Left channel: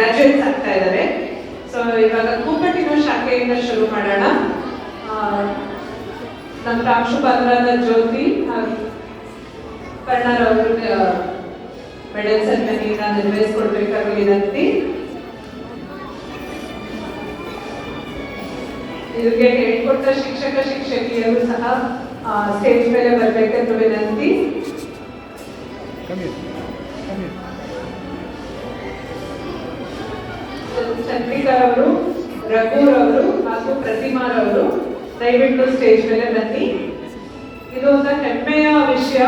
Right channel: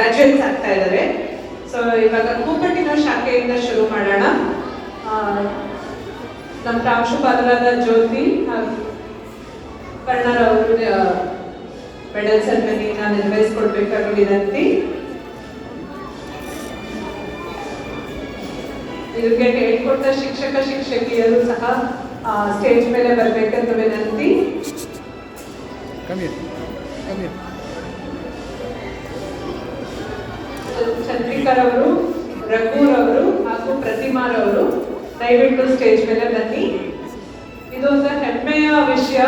ಗ್ರಾಜುಯೇಟ್ಸ್ ಆಗ್ತಾ ಇದ್ದಾರೆ. ಸೊ ಇವಾಗ ಕೂಪಟ್ಟಿನ ಶಾಖೆಯಿಂದ ಶುರು ಮಾಡೋಣ. ನಮ್ಮ ಪ್ರಾಂಶುಪಾಲರಾದ ಜ್ಯೋತಿ ಕಣ್ಣರ್ ಅವರು ಮೆಡಲ್ ಸೆರೆಮನಿನ ನಿರ್ವಹಿಸಿಕೊಡ್ಬೇಕಾಗಿ ವಿನಂತಿ. ಇದಕ್ಕೆ ಹೇಳ್ಕೊಟ್ಟ ಶಿಕ್ಷಕ ಶಿಕ್ಷಕಿಯರು ಸಹ ಸ್ಟೇಜ್ ಮೇಲೆ ಬರಬೇಕೆಂದು ವಿನಂತಿ. ಚಂದ್ರಿಕಾ ಅವರು, ರಘುರವರು ಹಾಗೂ ಪ್ರತಿಮಾರವರು ದಯವಿಟ್ಟು ಸ್ಟೇಜ್ ಮೇಲೆ ಬನ್ನಿ. ಇದು ಒಂದು ಹೆಮ್ಮೆಯ ವಿಷಯ.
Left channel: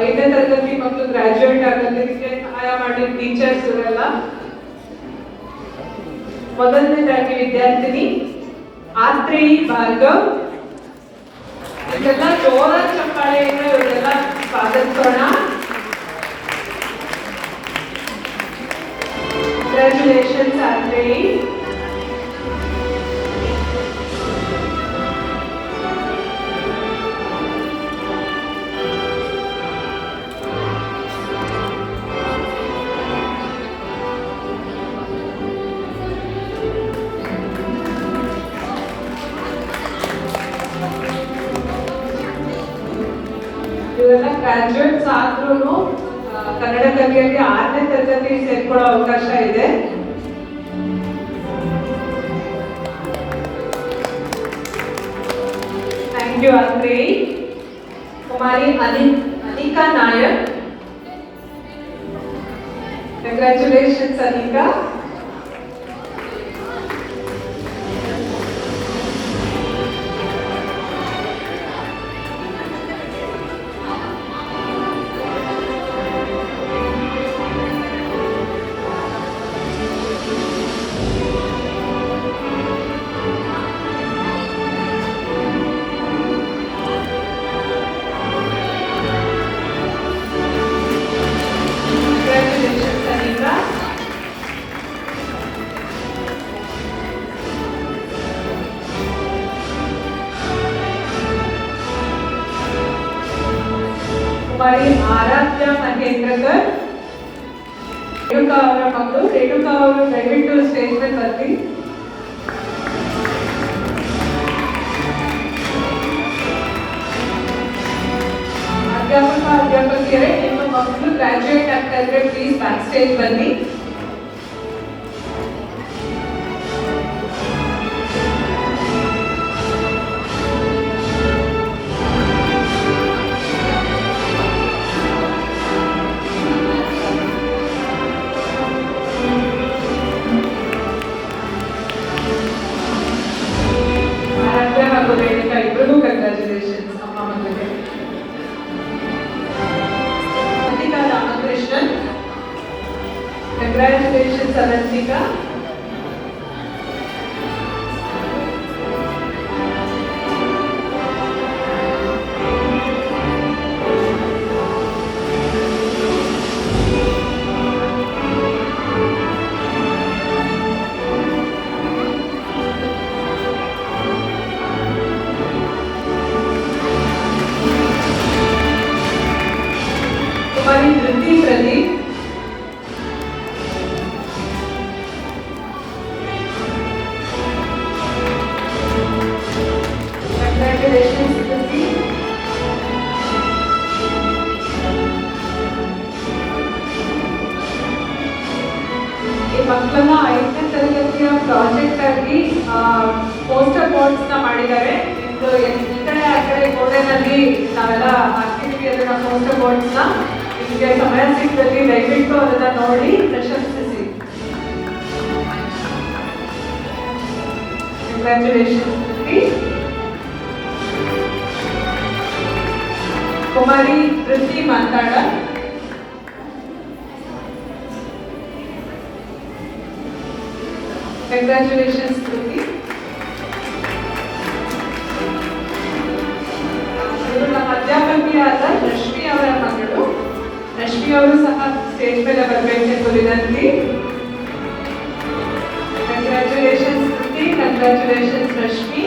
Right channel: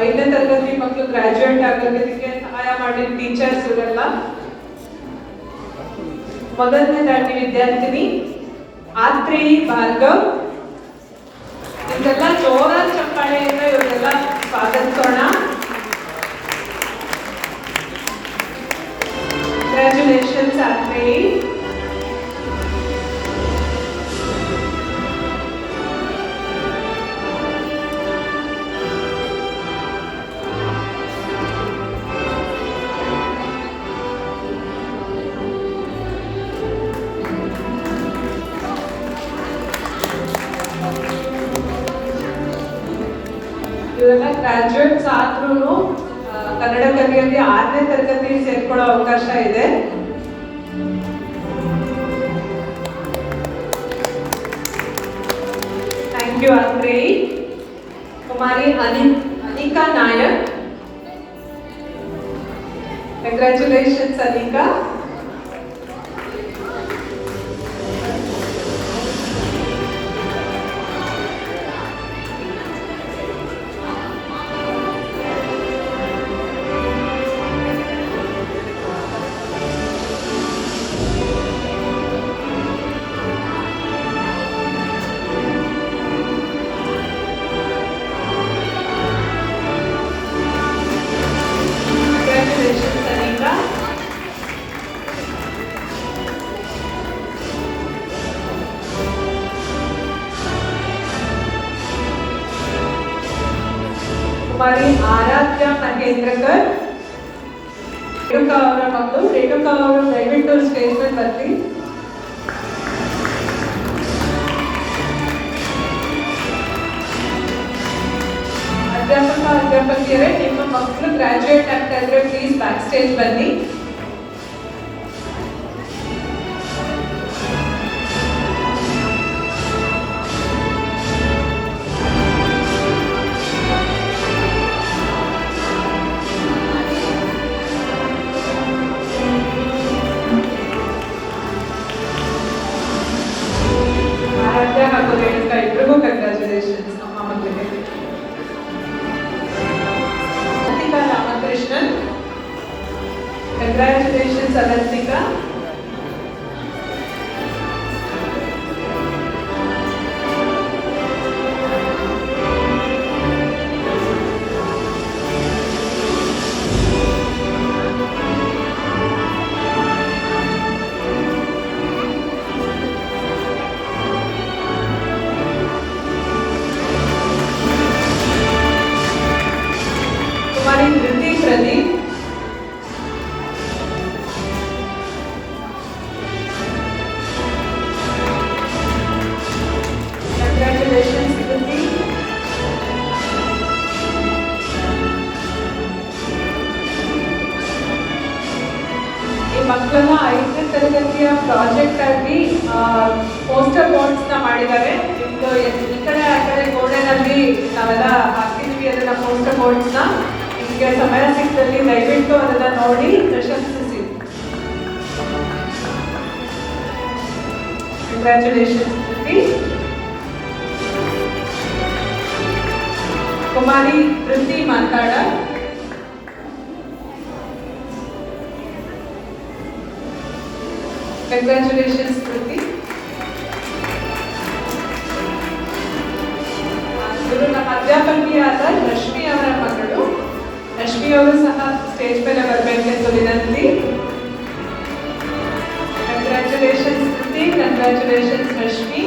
5ನೇ ತರಗತಿ ಮಕ್ಕಳು ಗ್ರಾಜುಯೇಟ್ ಆಗೋದಕ್ಕೆ ಸಹಾಯ ಮಾಡಿದ ಟೀಚರ್ಸ್ ಇವರೆಲ್ಲ. ಮೊದಲನೇದಾಗಿ ವಿದ್ಯಾರ್ಥಿನಿ ಆತ್ರೇಯಿ ಭಾರ್ಗವ್. ಇದೆಲ್ಲ ಜೋರ ಚಪ್ಪಾಳೆಯಿಂದ ಇವರೆಲ್ಲ ಸ್ವಾಗತಿಸೋಣ. Congratulations, Atreyi. ಇವರೆಲ್ಲ ಗ್ರಾಜುಯೇಟ್ಸ್ ಆದ್ರೂ ಕನ್ನಡ ಕಲಿಯಲ್ಲಿ 6ನೇ ತರಗತಿ ಸೇರ್ಕೊಳ್ಳೋ ಅವಕಾಶ ಇದೆ. Thank you Atreyi. Kumari Anika Nayak. Congratulations Anika. Kumari Aradhya Mahendrakar. Renuka ಅವರ ಮಕ್ಕಳು. ರೇಣುಕಾ ಅವರು ದಯವಿಟ್ಟು ಸ್ಟೇಜ್ ಮೇಲೆ ಬರ್ತೀವಿ. ಅಧ್ಯಾಪಕಿಯರೇ, ನಿಮ್ಮ ಮಕ್ಕಳು ಗ್ರಾಜುಯೇಟ್ ಆಗ್ತಾ ಇದ್ರೆ ಪ್ಲೀಸ್ ಬ್ಯಾಕ್ ಸ್ಟೇಜ್ ಬನ್ನಿ. ಆರಾಧ್ಯ ಹಾಗೂ ರೇಣುಕಾ ಇಬ್ಬರಿಗೂ ಕಂಗ್ರ್ಯಾಚುಲೇಷನ್ಸ್. ನಮ್ಮ ಮಕ್ಕಳಿಗೆ ರಾಮಕೃಷ್ಣನ್. ಕಂಗ್ರ್ಯಾಚುಲೇಷನ್ಸ್ ಅವಂತಿಕಾ. ಕುಮಾರಿ ಧೃತಿ ಪ್ರದೀಪ್. ಕಂಗ್ರ್ಯಾಚುಲೇಷನ್ಸ್ ಧೃತಿ. ಈ ಮಕ್ಕಳನ್ನ 5ನೇ ತರಗತಿಯ ಪ್ರಾಜೆಕ್ಟ್ ಆಗಿ ಪೋಸ್ಟರ್ ಬೋರ್ಡ್ಸ್ ನ ಮಾಡಿದ್ದಾರೆ. ಈ ಕಡೆ ಆ ಕಡೆ ಗೋಡೆನಲ್ಲಿ ನಾವೆಲ್ಲ ಹಾಕ್ತಿದ್ವಿ ಅದನ್ನ ಪೋಸ್ಟರ್ ಬೋರ್ಡ್ಸ್ ನ. ನಿಮಗೆ ಸಮಯ ಸಿಕ್ಕದಲ್ಲಿ ದಯವಿಟ್ಟು ಅದನ್ನ ನೋಡಿ ಪ್ರಶಂಸಿಸಿ. ಕಂಗ್ರ್ಯಾಚುಲೇಷನ್ಸ್ ಧೃತಿ. ಕುಮಾರಿ ಧೃತಿ ಮಾತಾಡ. ಕಂಗ್ರ್ಯಾಚುಲೇಷನ್ಸ್ ಧೃತಿ. ಇದು ನಮ್ಮ ಅಧ್ಯಾಪಕಿಯಾದ ರಶ್ಮಿ ಅವರ ಮಗಳು. ರಶ್ಮಿ ಅವರು ಸಹ ಸ್ಟೇಜ್ ಮೇಲೆ ಬರಬೇಕೆಂದು ವಿನಂತಿ. ಕಂಗ್ರ್ಯಾಚುಲೇಷನ್ಸ್ ಧೃತಿ. ಕಂಗ್ರ್ಯಾಚುಲೇಷನ್ಸ್ ರಶ್ಮಿ.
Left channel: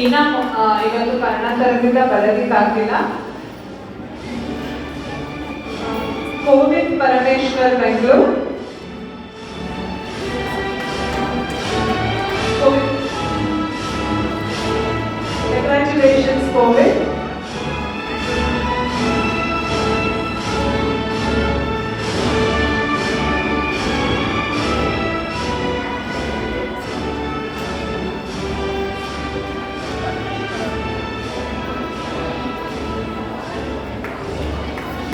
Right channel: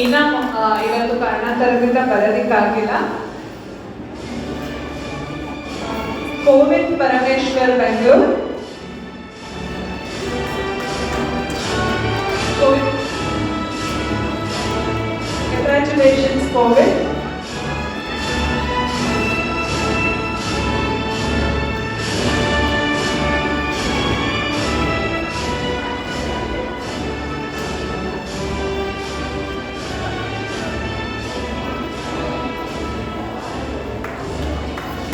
ಮೀನಾ ಇವತ್ತು ಕಾರಣಾಂತರದಿಂದ ಬರೋದಿಕ್ಕಾಗಿಲ್ಲ. ಕೋವಿಂದ್ ಪರಮೇಶ್ವರ್ ಬೆಂಗಳೂರು. Congratulations, Covid.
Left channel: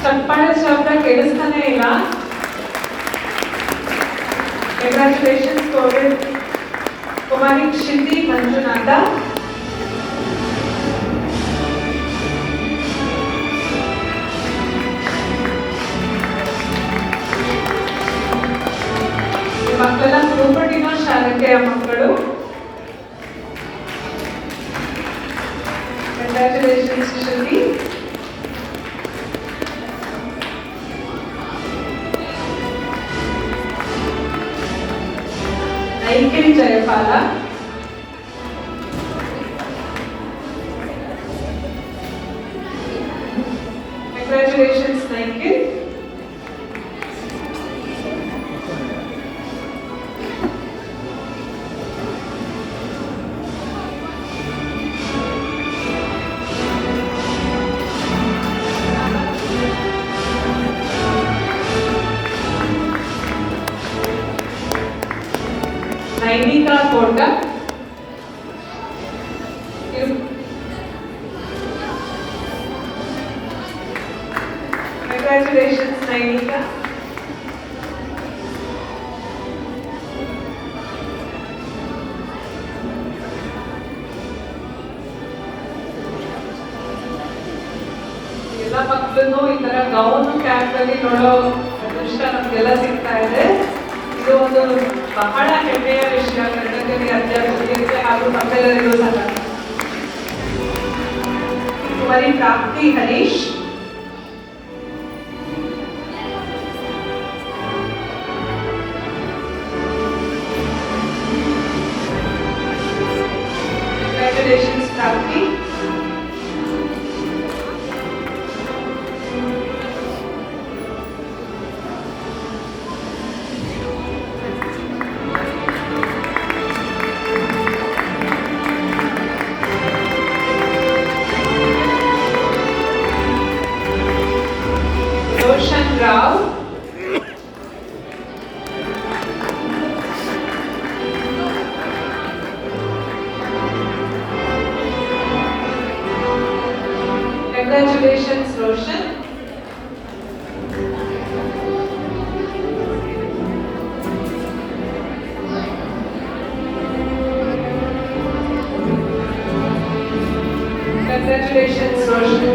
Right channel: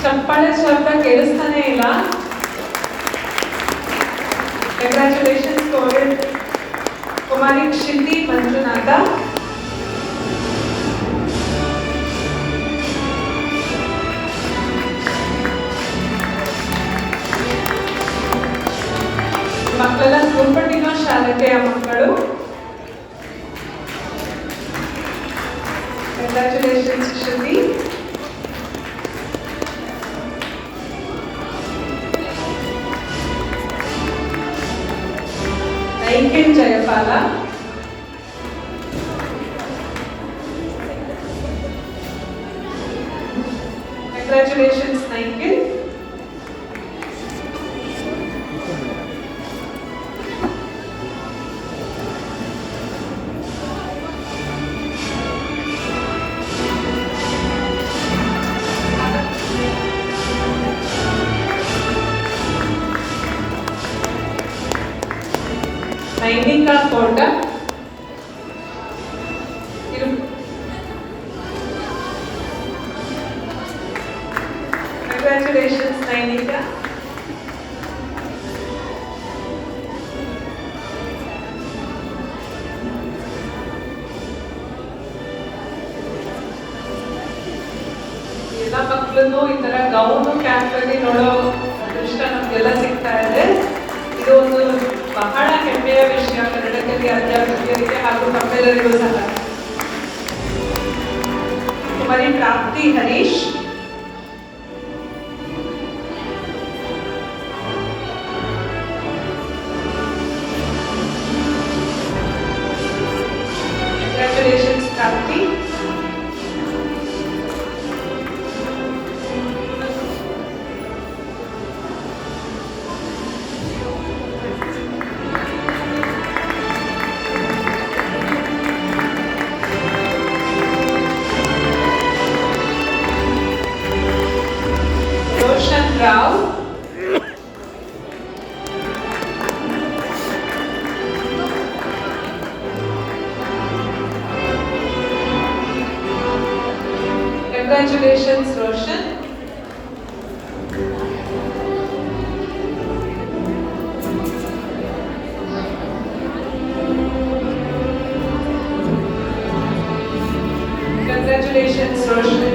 ಚಪ್ಪಾಳೆ ಶಬ್ದ ಕೇಳಿಸ್ತಾನೆ ಇಲ್ಲ. ಕಂಗ್ರ್ಯಾಚುಲೇಷನ್ಸ್ ಕೋವಿಡ್. ಕುಮಾರಿ ಕ್ಷಿತಿ ಮಂಜುನಾಥ. ಮಕ್ಕಳೆಲ್ಲ ಧ್ರುಪಟಿನ ಶಾಲೆಯ ಮಕ್ಕಳು. Congratulations Shruti. Naikhil Jayapala. Congratulations Naikhil. Nainika Kota. Congratulations Nainika. ಎಲ್ಲ ಮಕ್ಕಳು ಈ ತರ ಗೌನು ಕ್ಯಾಂಪ್ ಅಲ್ಲಿ ನೋಡೋ ಅದೃಷ್ಟ ನಮ್ಗೆಲ್ಲ ಸಿಗ್ತಾ ಇದೆ. ಇದು ಒಂದು ಬಹಳ ಹೆಮ್ಮೆಯ ವಿಷಯ ಕರ್ನಾಟಕದಲ್ಲಿ ಅಧ್ಯಾಪಕರಿಗೆ ಹಾಗೂ ನಮ್ಮೆಲ್ಲರಿಗೂ ಸಹ. ಕುಮಾರಿ ಪ್ರಾಪ್ತಿ ಹರೀಶ್. ಕಂಗ್ರ್ಯಾಚುಲೇಷನ್ಸ್ ಪ್ರಾಪ್ತಿ. Rao. Congratulations, Roshan. Congratulations, Roshan.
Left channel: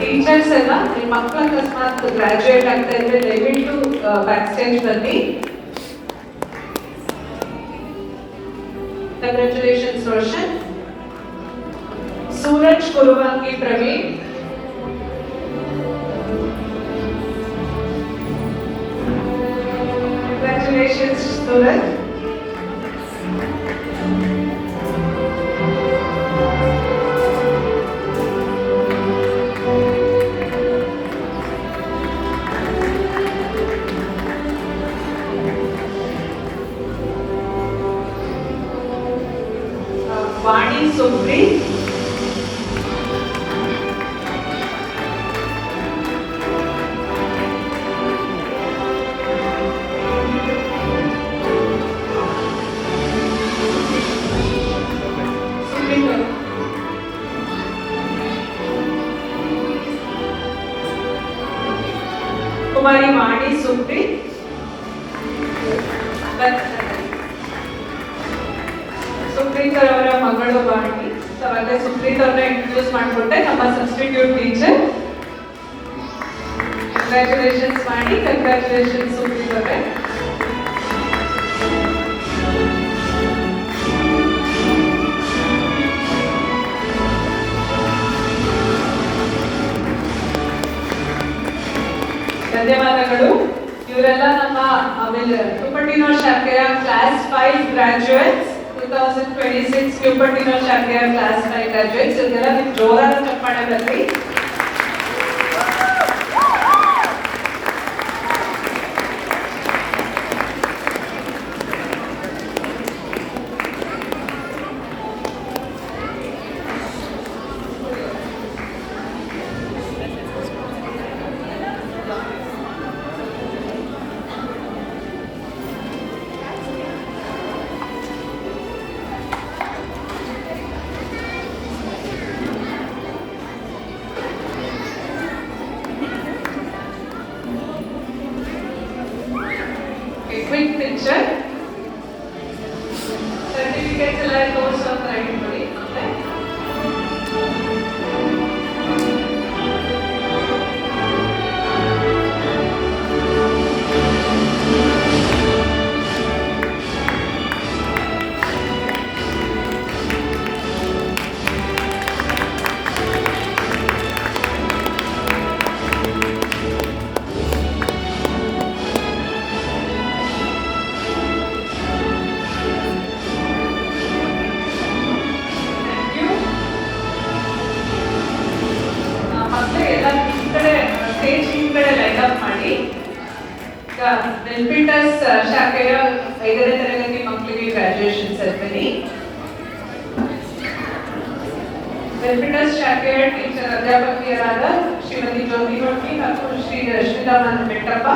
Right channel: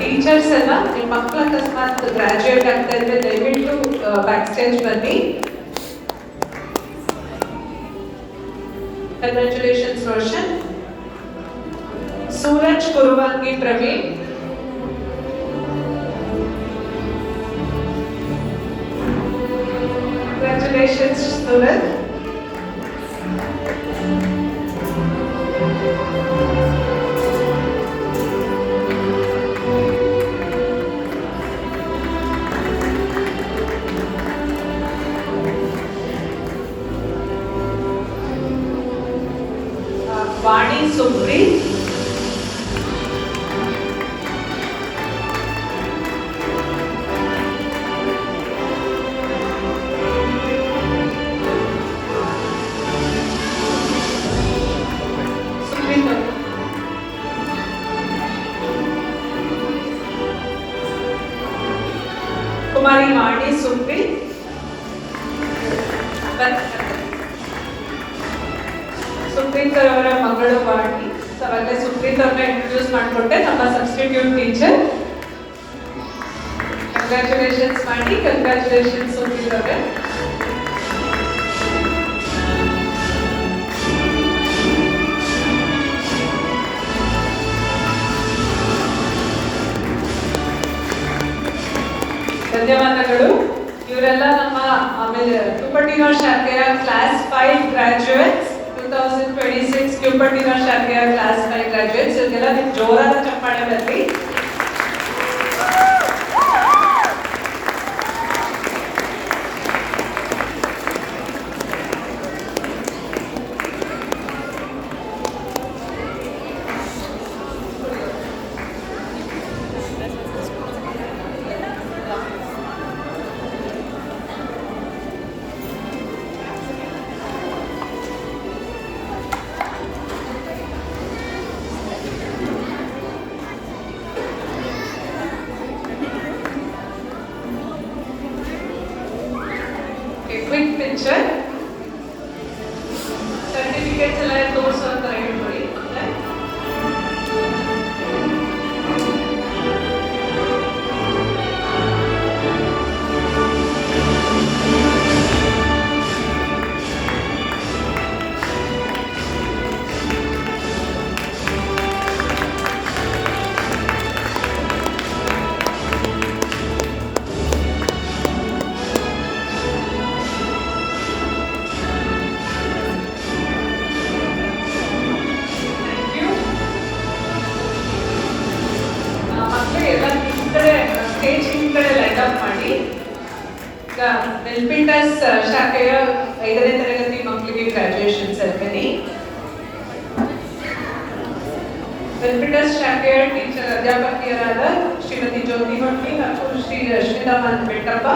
Teachers ಎಲ್ಲ ನಿಮ್ಮ ಮಕ್ಕಳ ಅಕಸ್ಮಾತ್ ಗ್ರಾಜುಯೇಟ್ ಆಗ್ತಾ ಇದ್ರೆ ದಯವಿಟ್ಟು ಬ್ಯಾಕ್ ಸ್ಟೇಜ್ ಬನ್ನಿ. ಕಂಗ್ರ್ಯಾಚುಲೇಷನ್ಸ್ ರೋಷನ್. ಸೂರಜ್ ಕುರುವಾಂಗಿ ಪ್ರವೀಣ್. ಕಂಗ್ರ್ಯಾಚುಲೇಷನ್ಸ್ ಸೂರಜ್. ವಾಣಿ ಸುಪ್ರೀತ್. ಕುಮಾರಿ ವಾಣಿ ಸುಪ್ರೀತ್. ಸುಪ್ರೀತ್ ಅವರ ಮಗಳು ವಾಣಿ. ಅವಾಗ ಸುಪ್ರೀತ್ ಅವ್ರನ್ನ ಇಂಟ್ರೊಡ್ಯೂಸ್ ಮಾಡಿಕೊಟ್ಟೆ, ನಮ್ಮ ಸಬ್ಸ್ಟಿಟ್ಯೂಟ್ ಟೀಚರ್. ಕಂಗ್ರ್ಯಾಚುಲೇಷನ್ಸ್ ವಾಣಿ. ಕಂಗ್ರ್ಯಾಚುಲೇಷನ್ಸ್ ಸುಪ್ರೀತ್ ಅವರೇ. ಧನ್ಯವಾದಗಳು. ಇವರೆಲ್ಲ ನಮ್ಮ ಆಮೇಲೆ ಧ್ರುಪಟಿನೋ ಶಾಖೆಯ ಕ್ಲಾಸ್ 5 ಗ್ರಾಜುಯೇಟ್ಸ್ 2020 2026 ಕ್ಯೂಪರ್ಟಿನೋ ಶಾಖೆಯ ಕ್ಲಾಸ್ 5 ಗ್ರಾಜುಯೇಟ್ಸ್ ಇವರಿಗೆಲ್ಲ ನಿಮ್ಮ ಜೋರಾದ ಚಪ್ಪಾಳೆ ಬರಲಿ. Quick picture. Certificates ಎಲ್ಲ ತೋರಿಸೋ ಅಂತ ಹೇಳ್ತೀವಿ. ಸ್ಟೇಜ್ ಹಿಂದ್ಗಡೆ ಲೈಟ್ ಅಪ್ ಮಾಡಿ. ಈಗ ಬೆನಿಫಿಟಸ್ ಶಾಖೆಯ 5ನೇ ತರಗತಿ ಮಕ್ಕಳಿಗೆ ಗ್ರಾಜುಯೇಷನ್ ಸೆರೆಮನಿ. ಬೆನಿಫಿಟಸ್ ಶಾಖೆಯ ಟೀಚರ್ ಅಧ್ಯಾಪಕಿಯರಾದ ಶ್ರೀಮತಿ ಜ್ಯೋತಿ ಭಟ್ಟಿ ಮತ್ತು ಶ್ರೀ ಶ್ರೀರಾಮನ್ ಬೆಟ್ಟಪ್ಪ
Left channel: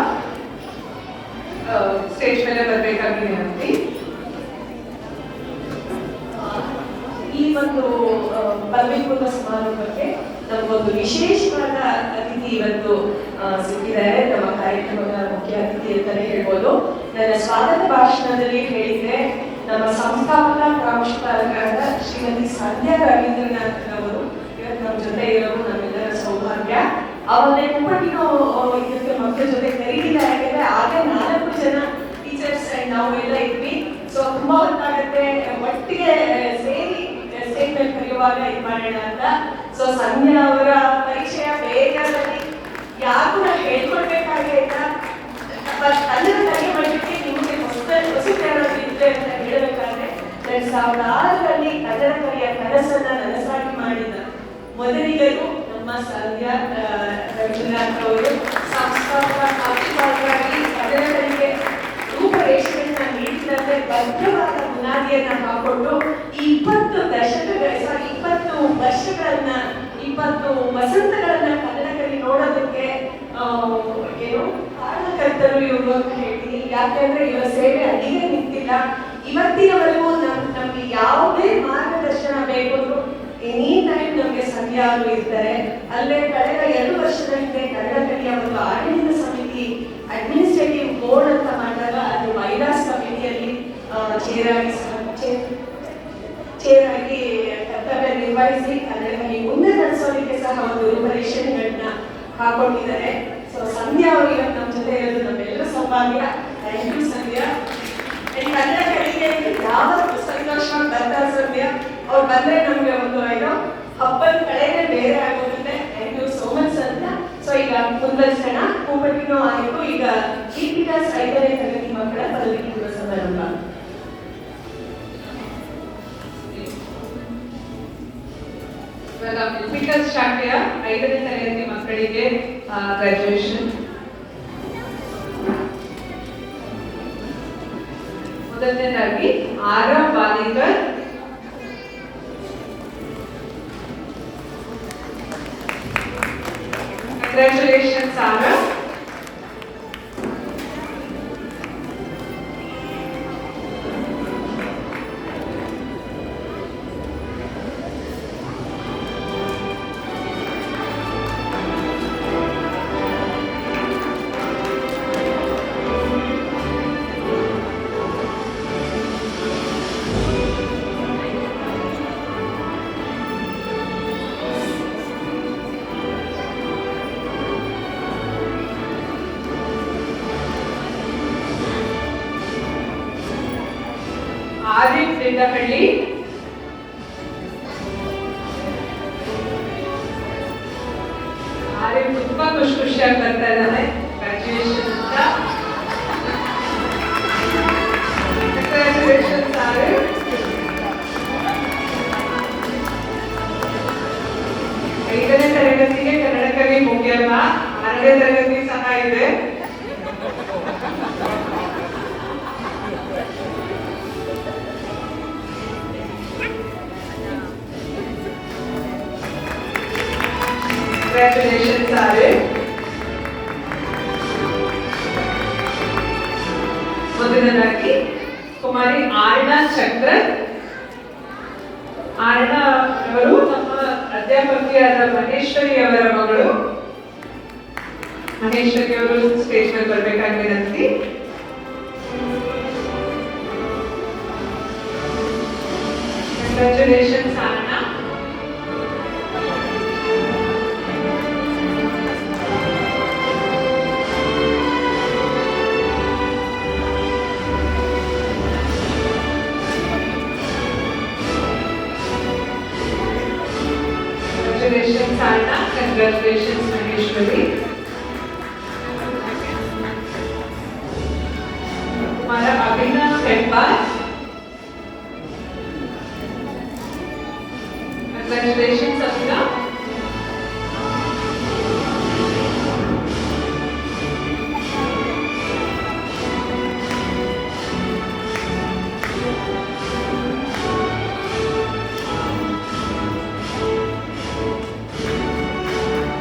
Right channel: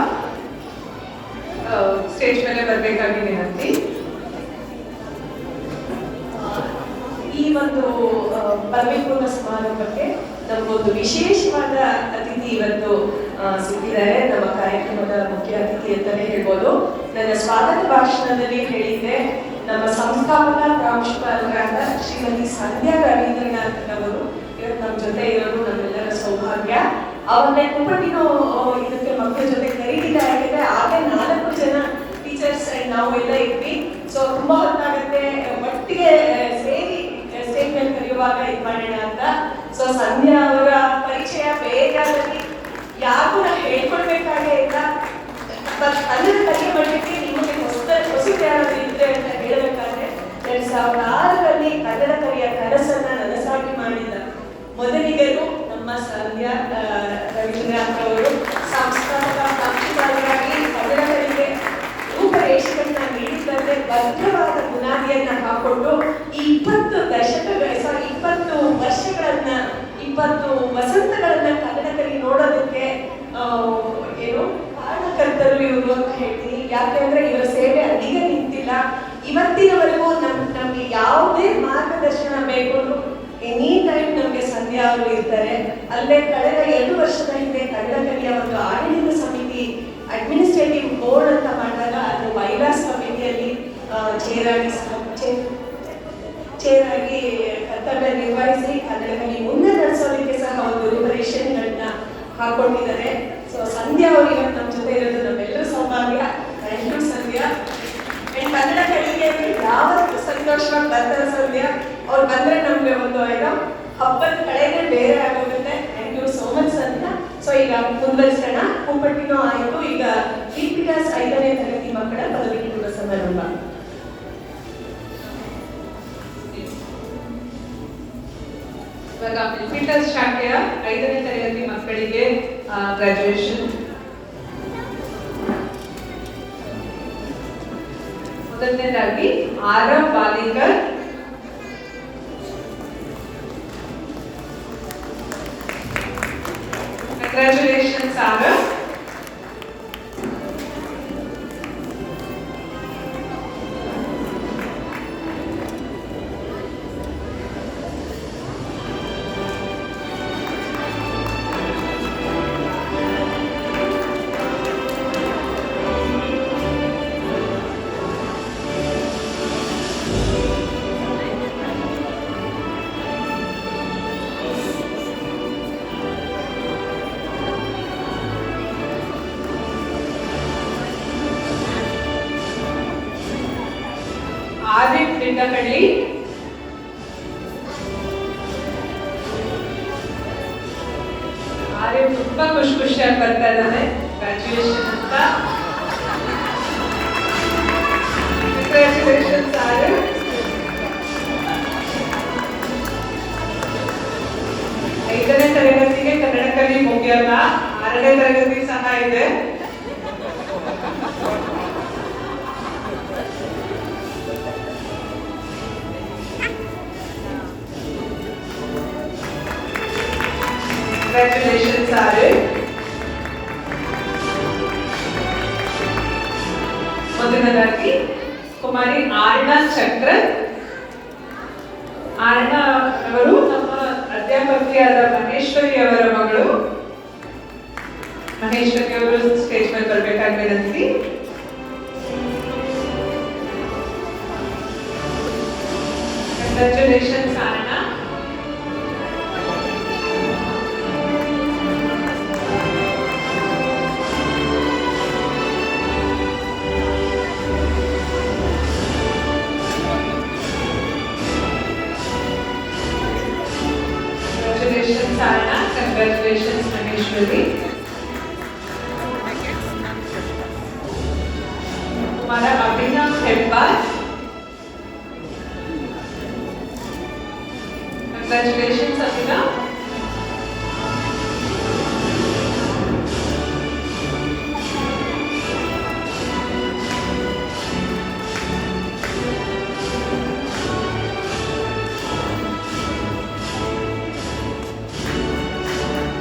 ಸ್ಟೇಜ್ ಮೇಲೆ ಬರಬೇಕಾಗಿ ವಿನಂತಿ. ಈ ಒಂದು ಪದವಿ ಪೂರ್ವ ಸಮಾರಂಭಕ್ಕೆ ನಮಗೊಂದು ವಿಶೇಷವಾದ ಅತಿಥಿ ಇವತ್ತು ಸಿಕ್ಕಿದ್ದಾರೆ. ನಮ್ಮ ಕಾರ್ಯಕ್ರಮದ ಮುಖ್ಯ ಅತಿಥಿ ಅಂತಲೇ ಹೇಳ್ಬೋದು. ನನ್ನ ಸ್ವಾಗತ ಭಾಷಣದಲ್ಲಿ ಹೇಳಿದ್ದೆ, ನಮ್ಮ ಸಂಸ್ಥಾಪನಾ ಪ್ರಾಂಶುಪಾಲರಾದ ಶ್ರೀಮತಿ ಸಂಧ್ಯಾ ರವೀಂದ್ರನಾಥ್ ಅವರು ಇವತ್ತು ನಮ್ಮ ಜೊತೆ ಇರೋದು ನಮ್ಮೆಲ್ಲರ ಸೌಭಾಗ್ಯ. ಅವರನ್ನೇ ಕುಪ್ಪಟ್ಟಿನೋ ಇದಕ್ಕೆ ಮಕ್ಕಳ ಜೊತೆ ಕರೀತಿಲ್ಲ, ಯಾಕಂದ್ರೆ ಆಗ 4 ಜನ ಟೀಚರ್ಸ್ ನಾವೆಲ್ಲ ಇದ್ವಿ. ಸೊ ತುಂಬಾ ಹೊತ್ತಾಗತ್ತೆ, ಒಟ್ಟಿಗೆ ಸೇರಿ ಸ್ಟೇಜ್ ಮೇಲೆ ಕರೆಯುವಾಗ ಇದು ಮಾಡೋಣ ಅಂತ. ಸೊ ಸಂಧ್ಯಾ ಅವರ ಪರಿಚಯ ಬೇಗದಲ್ಲಿ ಯಾರು ಹೇಳ್ಕೊಳ್ಬೇಕಾಗೇ ಇಲ್ಲ. ಕನ್ನಡ ಕಲಿಕೆ ಮಾಡಲಿಕ್ಕೆ ನಿಮಗೆ ಹೊಸದು ಯಾರಾದ್ರೂ ಇದೆ ಅಂತ ಹೇಳಬೇಕಾದ್ರೆ 2006ರಲ್ಲಿ ಕನ್ನಡ ಕಲಿಯ ಕನಸನ್ನ ನನಸಾಗಿ ಮಾಡಿದ ಮೊದಲಿಗರು ನಮ್ಮ ಸಂಧ್ಯಾ ರವೀಂದ್ರನಾಥ್ ಅವರು. ಸಂಸ್ಥಾಪಕ ಪ್ರಾಂಶುಪಾಲರಾಗಿ ಕನ್ನಡ ಕಲಿಕೆ ರೂಪರೇಷೆಗಳನ್ನ ನೀಡಿದಂತೆ ಭದ್ರವಾದ ಬುನಾದಿಯನ್ನ ಹಾಕೊಂಡು 20 ವರ್ಷಗಳನ್ನ 20 ವಸಂತಗಳನ್ನ ಕನ್ನಡ ಕಲಿ ನೋಡೋದಕ್ಕೆ ಏನು ಕಾರಣಕರ್ತರು ಇವರು ಅಂತ ಹೇಳ್ತೀನಿ. ಯಾಕೆಂದ್ರೆ ಇವರ ಸೇವೆ ಅಲ್ಲಿಗೆ ನಿಂತಿಲ್ಲ. ಇವತ್ತಿನವರೆಗೂ ನಮ್ಗೆ ಯಾವುದೇ ಮಾರ್ಗದರ್ಶನ ಬೇಕು ಅಂದ್ರೂ ಎನಿ ಟೈಮ್ ನಮ್ಗೆ ಸಂಧ್ಯಾ ಅವರು ಇರ್ತಾರೆ. ಅಲ್ಲೇ ಕಳೆದ 2 ವರ್ಷದ ಹಿಂದೆ ಕನ್ನಡ ಕಲಿಯ ಒಂದು ಆಡಳಿತ ಸಮಿತಿ ಅಡ್ಮಿನಿಸ್ಟ್ರೇಟಿವ್ ಬೋರ್ಡ್ ಅಂತ ಮಾಡಿದಾಗ ಅದು ವೈಲಾಸ್ ಕಮಿಟಿಯಲ್ಲಿ ಚೇರಾಗಿ ಕರ್ತವ್ಯ ನಿರ್ವಹಿಸಿ ಕನ್ನಡ ಕಲಿ ಮುಂದೆ ನಡೆಸೋದಕ್ಕೆ ಸಹ ಒಂದು ರೂಪರೇಷೆಗಳನ್ನ ಹಾಕೊಂಡಿದ್ದಾರೆ. ಸೊ ಸಂಧ್ಯಾ ಅವರು ಇವತ್ತು ನಮ್ಮ ಜೊತೆ ಇರೋದು ನಮ್ಮೆಲ್ಲರೂ ಸೌಭಾಗ್ಯ. ಥ್ಯಾಂಕ್ ಯು ಸಂಧ್ಯಾ. ಕನ್ನಡ ಕಲಿಕೆ ಯಾವತ್ತೂ ಸಂತೋಷವಾಗಿ ಬರ್ತಾರೆ ಸಂಧ್ಯಾ. ಅವ್ರು ಬಂದ್ರೆ ನಮ್ಗೆ ಒಂದು ಏನೋ ಹಬ್ಬದ ಕಳೆನೇ ಬೇರೆ ಆಗೋಗುತ್ತೆ. Thank you so much Sandhya. So ಈಗ ಮುಂದುವರಿಸೋಣ. ಕುಪ್ಪಟ್ಟಿನೋ ಆಯಿತು. ಈಗ ಕಿಪಿಟಾಸ್ 5ನೇ ತರಗತಿ ಮಕ್ಕಳ ಪದವಿ ಪೂರ್ವ ಸಮಾರಂಭ. ಇವಾಗ ಬೆನಿಫಿಟಸ್ ಶಾಖೆಯ 5ನೇ ತರಗತಿ ಮಕ್ಕಳಿಗೆ ಗ್ರಾಜುಯೇಷನ್. ಮೊದಲನೇದಾಗಿ ಆರವ್ ಬಾಲಿಕರ್. ಕಂಗ್ರ್ಯಾಚುಲೇಷನ್ಸ್ ಆರವ್. ಆದಿತ್ ನಿಂದಹಳ್ಳಿ. ಆದಿತ್ ತುಂಬಾ ಖುಷಿಯಾಗಿ ಬರ್ತಾ ಇದ್ದಾನೆ ಗ್ರಾಜುಯೇಷನ್ ಅಂತ. ಕಂಗ್ರ್ಯಾಚುಲೇಷನ್ಸ್ ಆದಿತ್. ಕಂಗ್ರ್ಯಾಚುಲೇಷನ್ಸ್ ಆರ್ಯ. ಮೊದಲನೇದಾಗಿ ಕುಮಾರಿ ಆರ್ಣ ಚಕ್ರ. ಆರ್ಣ ಅವರು ನಮ್ಮ ಅಧ್ಯಾಪಕಿಯಾದ ಮಹೇಶ್ವರಿ ಅವರ ಮಗಳು. ಮಹೇಶ್ವರಿ ಅವರು ಸ್ಟೇಜ್ ಮೇಲೆ ಬರ್ಬೇಕಾಗಿ ವಿನಂತಿ. ಕಂಗ್ರ್ಯಾಚುಲೇಷನ್ಸ್ ಆರ್ಣ. Congratulations Anna, congratulations Maheshwari. हमारा अभिनव Hebbar. Congratulations Abhinav.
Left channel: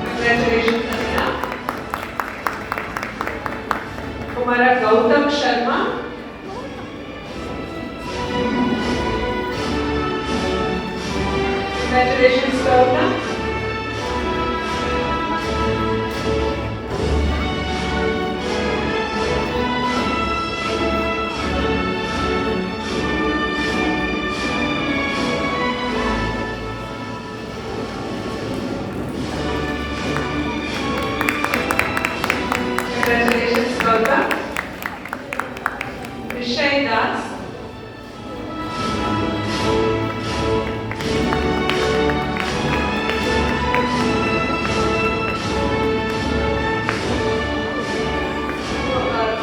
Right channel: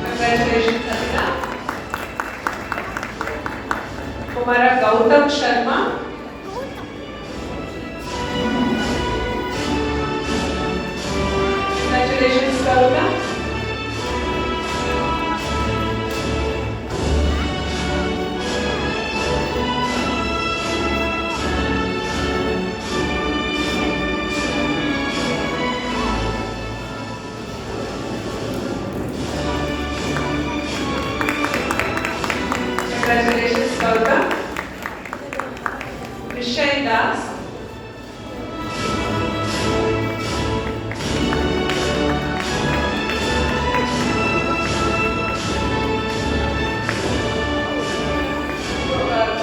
Congratulations Abhinav. हमारा गौतम Sharma. Congratulations Gautam. Congratulations Gautam. Vishay Das.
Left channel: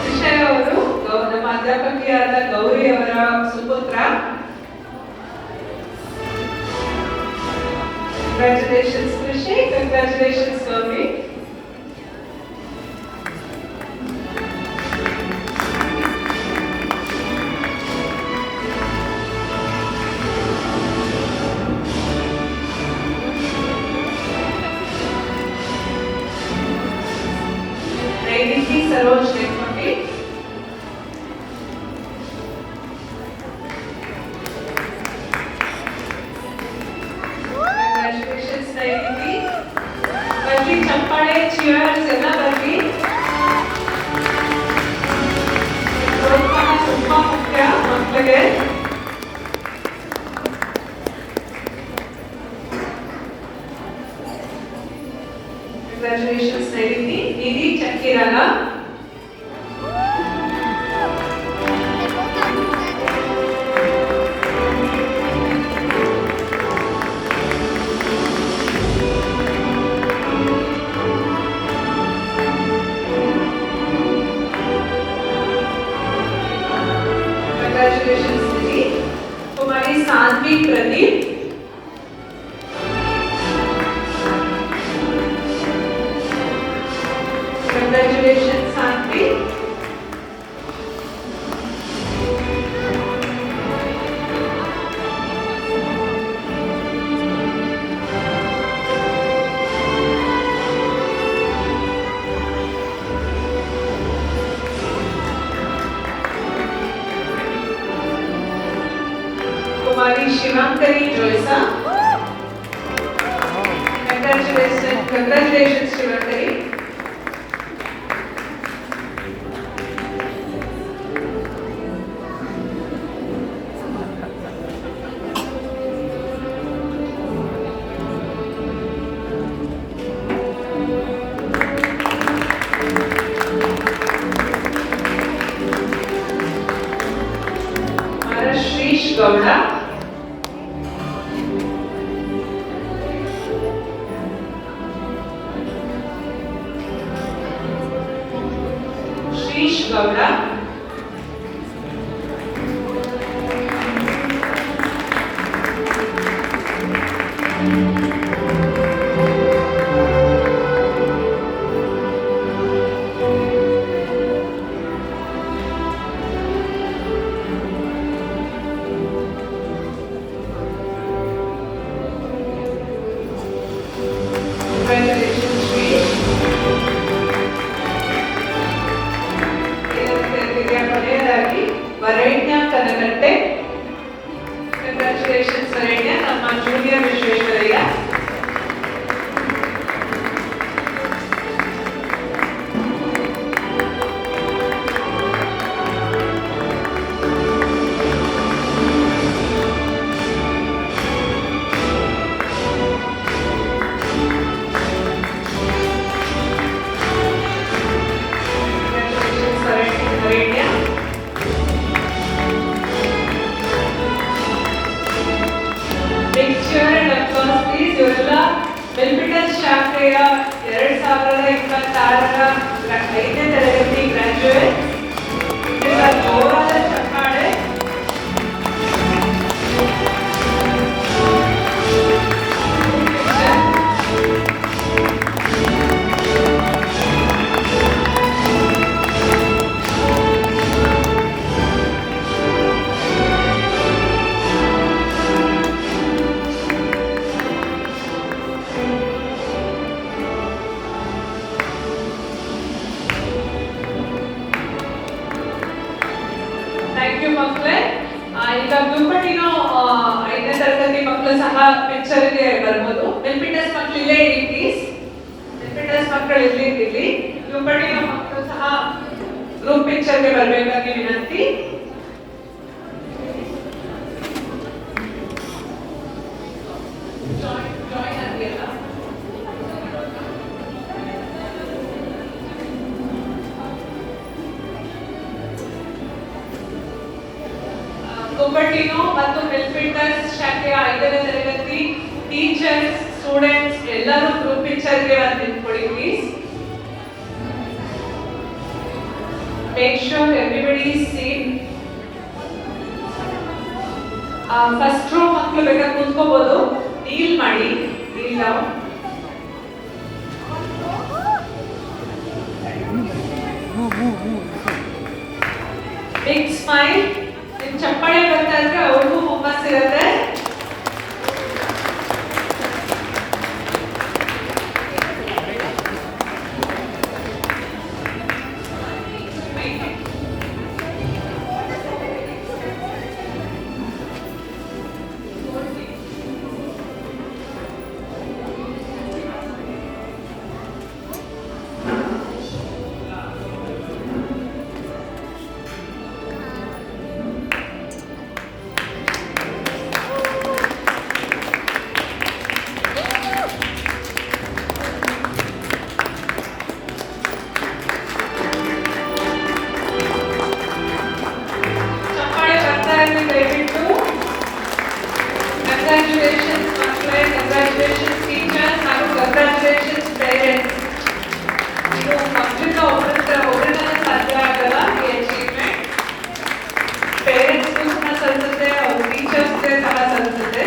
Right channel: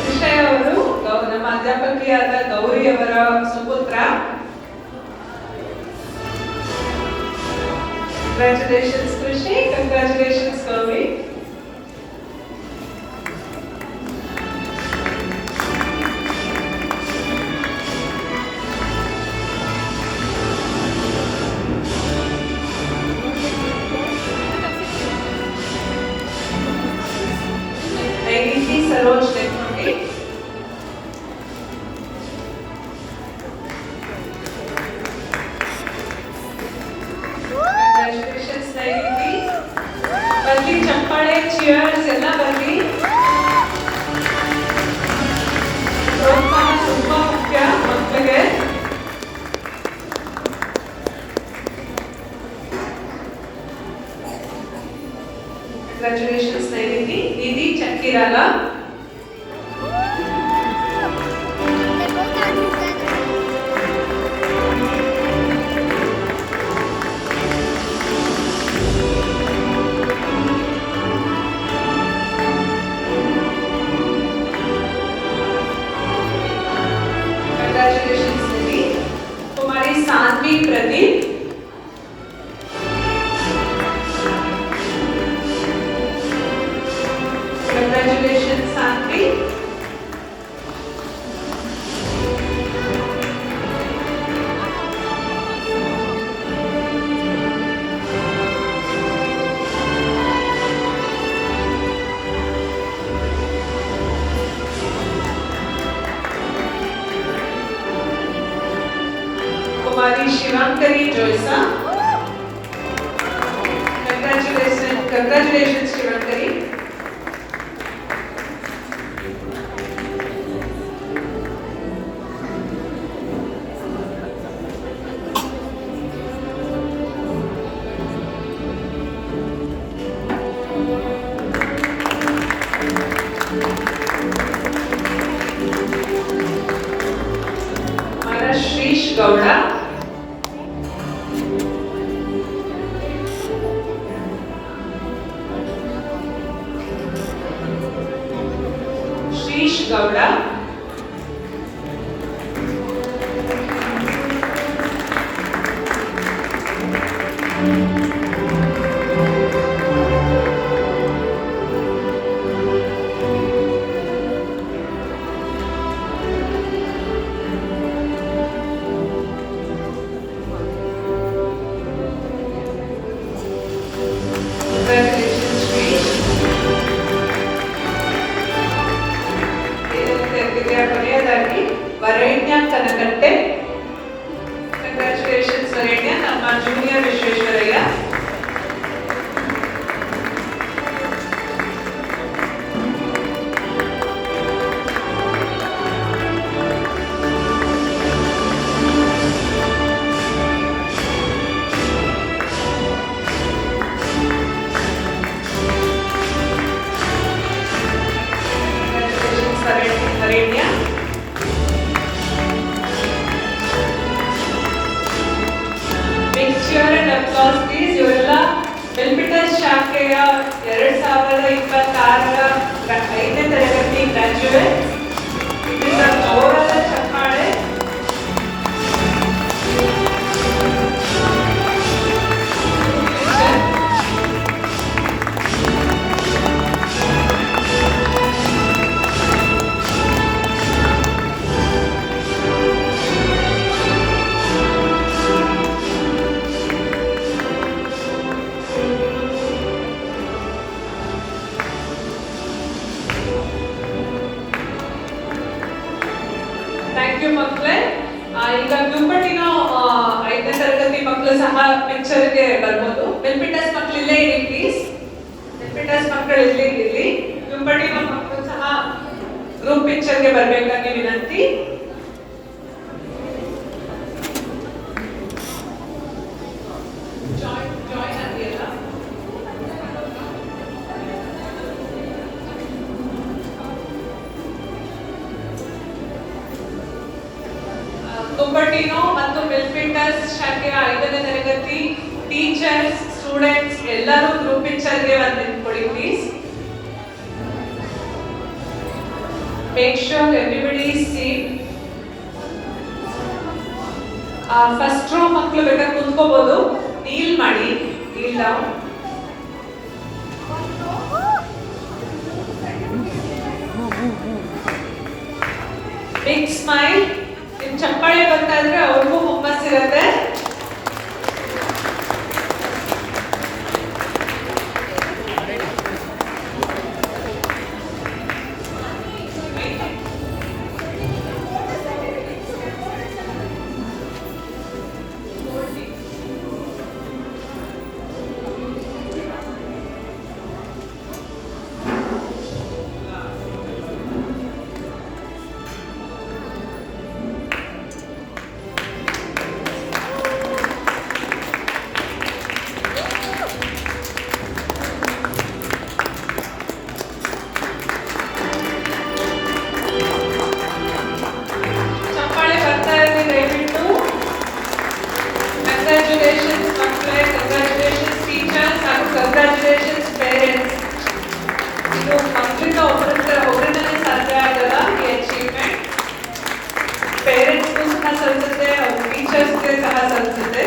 ವಿಷಯ ಅವರು ನಮ್ಮ ಅಧ್ಯಾಪಕಿಯಾದ ಗೌರಿ ಅವರ ಸುಪುತ್ರ. Congratulations Krishi, congratulations Gauri. नैनिधि सरोज नेक्रोटी. Congratulations नैनिधि. बल्कि चंपाळे cheers ಎಲ್ಲ ಬರಲಿ. ಪ್ರೋತ್ಸಾಹ ತುಂಬಾ ಮುಖ್ಯ ಮಕ್ಕಳಿಗೆ. Congratulations नैनिधि. निधि चक्किराला. Congratulations निधि. कुमारी साध्वी प्रदीप. Congratulations Santi. कुमारी शिवांकरी जोयसा. Congratulations शिवांकरी. हमारा श्रीश गौड़ा. श्रीश गौड़ा. Congratulations ಕಂಗ್ರ್ಯಾಚುಲೇಷನ್ಸ್ ವರೆಣ್ಯ, ನಮ್ಮ ಜೂನಿಯರ್ ವಿಶ್ವೇಶ್ವರಯ್ಯ. Congratulations, ವರೆಣ್ಯ. Big cheer and applause please. ಇವರೆಲ್ಲ ಎಲ್ಪಿಟಸ್ ಶಾಖೆಯ 2026ರ 5ನೇ ತರಗತಿ ಗ್ರಾಜ್ಯುಯೇಟ್. ಇದರ ಜೋರಾದ ಚಪ್ಪಾಳೆ. ಥ್ಯಾಂಕ್ ಯು ಮಕ್ಕಳೇ. ಈಗ ಬ್ಲೂಪಟಿನೋ 5ನೇ ತರಗತಿ ಮಕ್ಕಳು ಸಹ ಪಿಕ್ಚರ್ಗೆ ಬರ್ಬೋದು. ಎಲ್ಪಿಟಸ್ ಮಕ್ಕಳು ಇಲ್ಲೇ ಇಡಿ ಪ್ಲೀಸ್. ಎಲ್ಪಿಟಸ್ ಮಕ್ಕಳು ಇರ್ಲಿ. ಬ್ಲೂಪಟಿನೋ ಮಕ್ಕಳು ಸಹ ಗ್ರೂಪ್ ಪಿಕ್ಚರ್ಗೆ ಬರಬೇಕಾಗಿ ವಿನಂತಿ. ಜಾಯಿನ್ ಆಗಿಲ್ಲ. ಕುಂಬಟಿನೋ ಮತ್ತು ಎಲ್ಪಿಟಸ್ ಶಾಖೆಯ 5ನೇ ತರಗತಿ ಟೀಚರ್ಸ್, ಸ್ಟೂಡೆಂಟ್ಸ್ ಎಲ್ಲರೂ ಗ್ರೂಪ್ ಪಿಕ್ಚರ್ಗೆ ಬಂದು ನಿಂತ್ಕೊಳ್ಳಿ please. Make sure everybody is safe. First row ಮಕ್ಕಳು ಬೇಕಾದ್ರೆ ಕುಂತ್ಕೋಬಹುದು. ನೀಲ್ ಮಾಡಿ, ನೀಲ್ ಡೌನ್. Big smile. ನಿಮ್ ಚಪ್ಪಾಳೆ ಬರ್ತಾ ಇದ್ರೆ ಅವ್ರಿಗೂ ಹುಮ್ಮಸ್ಸಿರುತ್ತೆ. Congratulations, ಮಕ್ಕಳೇ. Congratulations, teachers, and congratulations, parents. ಇದು ಮಕ್ಕಳಿಂದ ಒಬ್ಬರಿಂದ ಸಾಧ್ಯ ಆಗಲ್ಲ ಈ ಅಚೀವ್ಮೆಂಟ್. ಪೇರೆಂಟ್ಸ್ಗೂ ಸಹ ಸಲ್ಲಿಸುತ್ತೆ, ಅವ್ರ ಟೀಚರ್ಸ್ಗೆ ಸಹ ಸಲ್ಲಿಸುತ್ತೆ.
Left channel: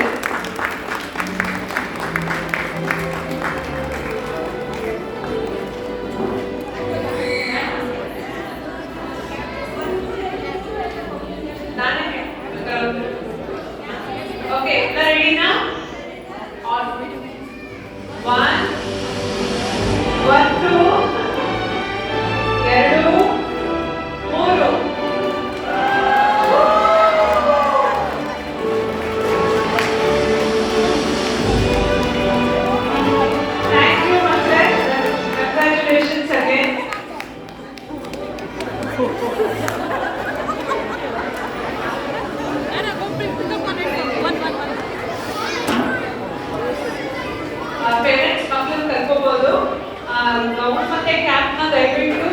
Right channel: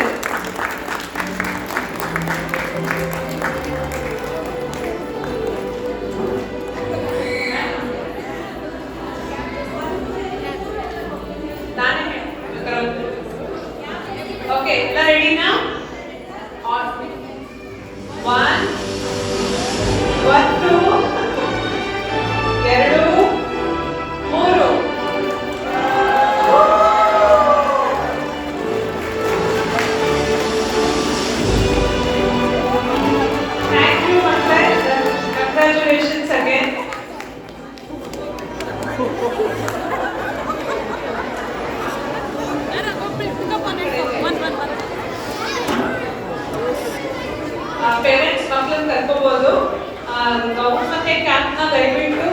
Okay, ಎಲ್ಲ ರೆಡಿನಾ? 1 2 2 3. Thank you, ಮಕ್ಕಳೇ. Congratulations again. ಪೇರೆಂಟ್ಸ್ ಮಕ್ಕಳನ್ನ ಕರ್ಕೋಬಹುದು. ನಾವು ಮತ್ತೆ ಕ್ಯಾಂಪ್ನ ದಯವಿಟ್ಟು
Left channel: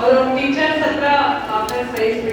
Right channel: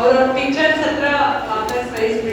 ಅವರ ಟೀಚರ್ಸ್ ಹತ್ರ ಸಹಿಸ್ಬೇಕು.